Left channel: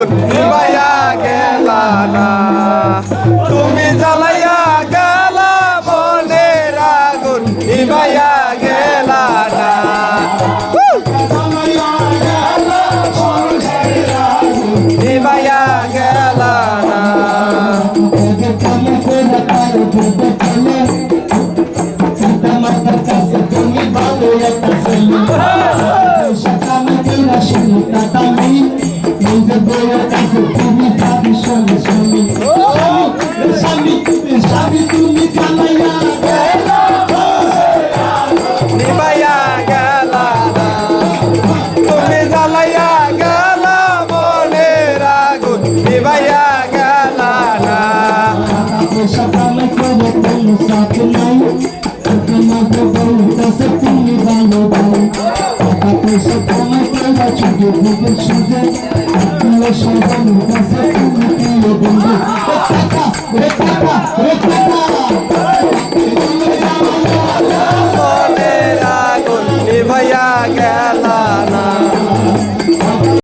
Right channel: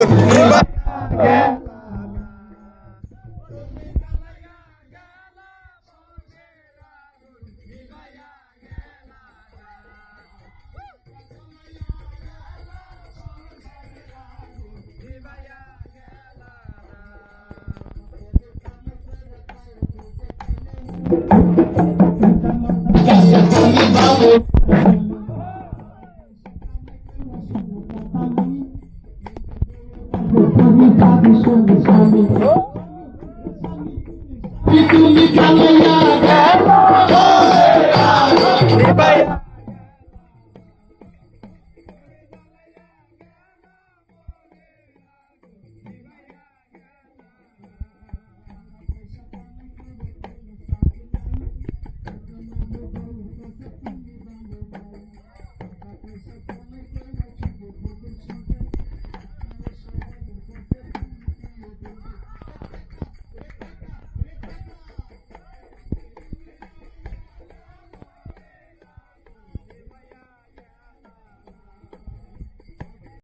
নিভাইয়া গেলা না তুমি জ্বালাইয়া গেলা মনের আগুন নিভাইয়া গেলা না নিভাইয়া গেলা না তুমি কালাইয়া নিভাইয়া গেলা না তুমি জ্বালাইয়া গেলা মনের আগুন নিভাইয়া গেলা না সকালে করে কোনো সাথ নাই তোমাকে বলতেছে তুমি ভালো ভালো টাকা পয়সা কামাই করে ছুটে ভুগে সুজে তুই সবার কাছে তুমি প্রিয় বন্ধু মনের আগুন নিভাইয়া গেলা